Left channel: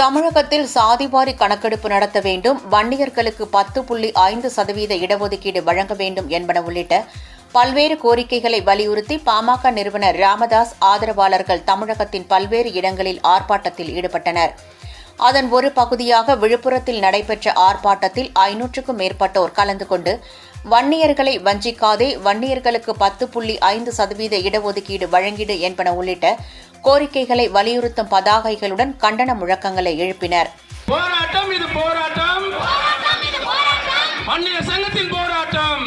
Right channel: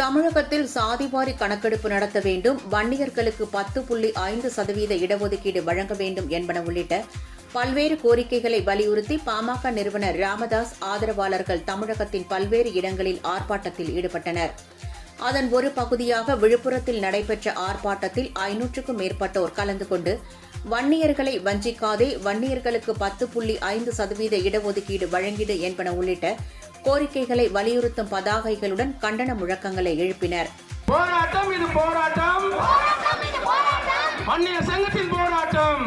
தமிழகத்தில் சாதிவாரி கணக்கெடுப்பு நடத்த வேண்டும், வன்னியர்களுக்கு 10.5% இடஒதுக்கீடு வழங்க வேண்டும் என்பன உள்ளிட்ட பல்வேறு கோரிக்கைகளை வலியுறுத்தி பாமக நிறுவனர் ராமதாஸ் ஆதரவாளர்கள் தமிழகத்தின் பல்வேறு இடங்களில் ஆர்ப்பாட்டத்தில் ஈடுபட்டனர். அதன் ஒரு பகுதியாக விழுப்புரத்தில் நடைபெற்ற ஆர்ப்பாட்டத்தில் 500க்கும் மேற்பட்டோர் கலந்து கொண்டு வன்னியர்களை வஞ்சிக்காதே, வன்னியர்களுக்கு 10.5% இடஒதுக்கீடு வழங்கிடு என்பன உள்ளிட்ட கோரிக்கைகளை வலியுறுத்தும் பதாகைகளுடன் கண்டன முழக்கங்களை எழுப்பினர். போராட்டம் இது போராட்டம், வன்னியர் சங்கத்தின் போராட்டம்,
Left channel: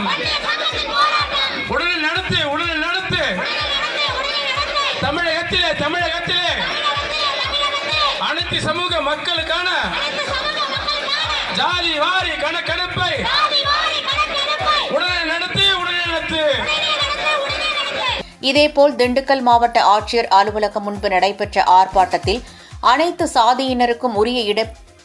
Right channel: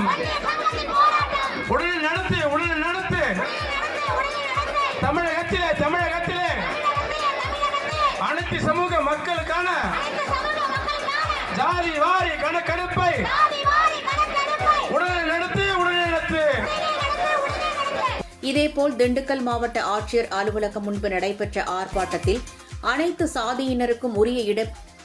உடனே நடத்து, தமிழகத்திலே அனைத்து சமூக மக்களுக்கான ஜாதி வாரி கணக்கெடுப்பை உடனே நடத்து. இதேபோல் திண்டுக்கல் மாவட்ட ஆட்சியர் அலுவலகம் முன்பு நடைபெற்ற ஆர்ப்பாட்டத்தில் அனைத்து சாதியினருக்கும் உரிய இட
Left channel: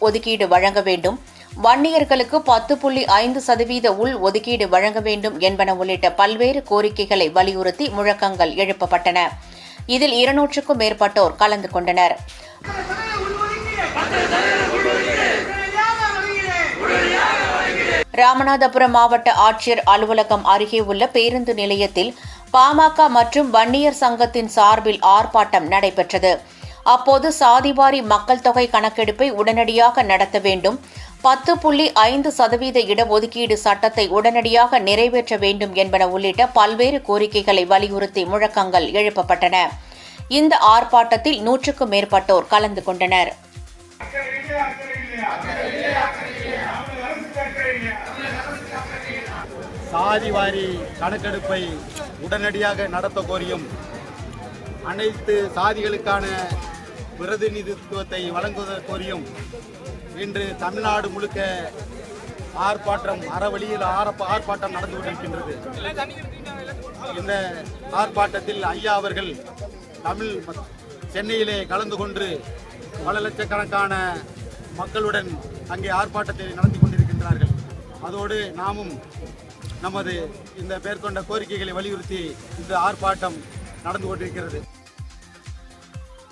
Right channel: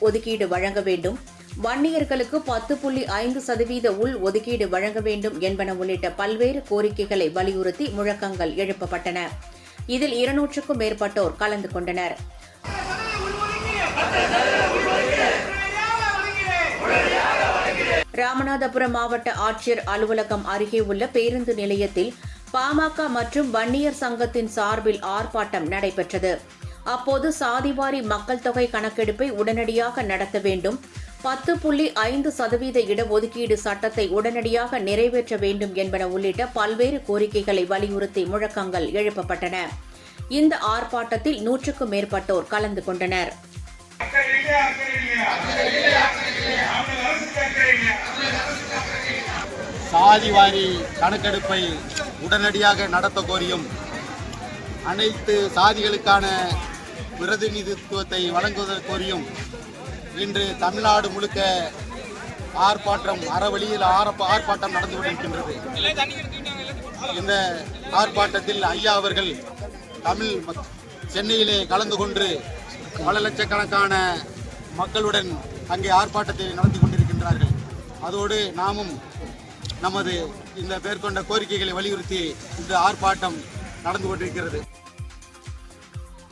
ஒதுக்கீடு வழங்க வேண்டும், வன்னியர்களுக்கு 10.5% உள் ஒதுக்கீடு வழங்க வேண்டும் என்பன உள்ளிட்ட பல்வேறு கோரிக்கைகளை வலியுறுத்தி முழக்கங்கள் எழுப்பப்பட்டன. இதில் 200க்கும் மேற்பட்டோர் கலந்து கொண்டனர். ராமநாதபுரம் மாவட்ட ஆட்சியர் அலுவலகம் அருகே உள்ள பேருந்து நிலையத்தில் பாமக மற்றும் வன்னியர் சங்கத்தின் சார்பில் ஆர்ப்பாட்டம் நடைபெற்றது. அப்போது சாதிவாரி மக்கள் தொகை கணக்கெடுப்பை உடனடியாக நடத்த வேண்டும், 10.5% இடஒதுக்கீடு சட்டத்தை உடனடியாக நிறைவேற்ற வேண்டும் என்பன உள்ளிட்ட பல்வேறு கோரிக்கைகளை வலியுறுத்தி முழக்கங்கள் எழுப்பப்பட்டன. இந்த ஆர்ப்பாட்டத்தில் 100க்கும் மேற்பட்டோர் கலந்து கொண்டனர். சாதிவாரி கணக்கெடுப்பை உடனடியாக நடத்த கோரியும், அனைத்து சாதிகளுக்கான பிரதிநிதித்துவத்தை வழங்குவதை கோரியும் இன்று தமிழ்நாடு முழுக்க அறவழியில் ஆர்ப்பாட்டம் நடந்து கொண்டிருக்கின்றது. இந்த ஆர்ப்பாட்டத்தில் ஐயா அவர்கள் சென்னையிலே கலந்து கொண்டு பல லட்சக்கணக்கான மக்களுடன் அங்கே ஆர்ப்பாட்டத்தை நடத்தி கொண்டிருக்கின்றார்கள். அதோடு நாமும் நமது இந்த மேற்கொண்ட கோரிக்கைகளை வலியுறுத்தி இந்த ஆர்ப்பாட்டம் நடந்து கொண்டிருக்கிறது.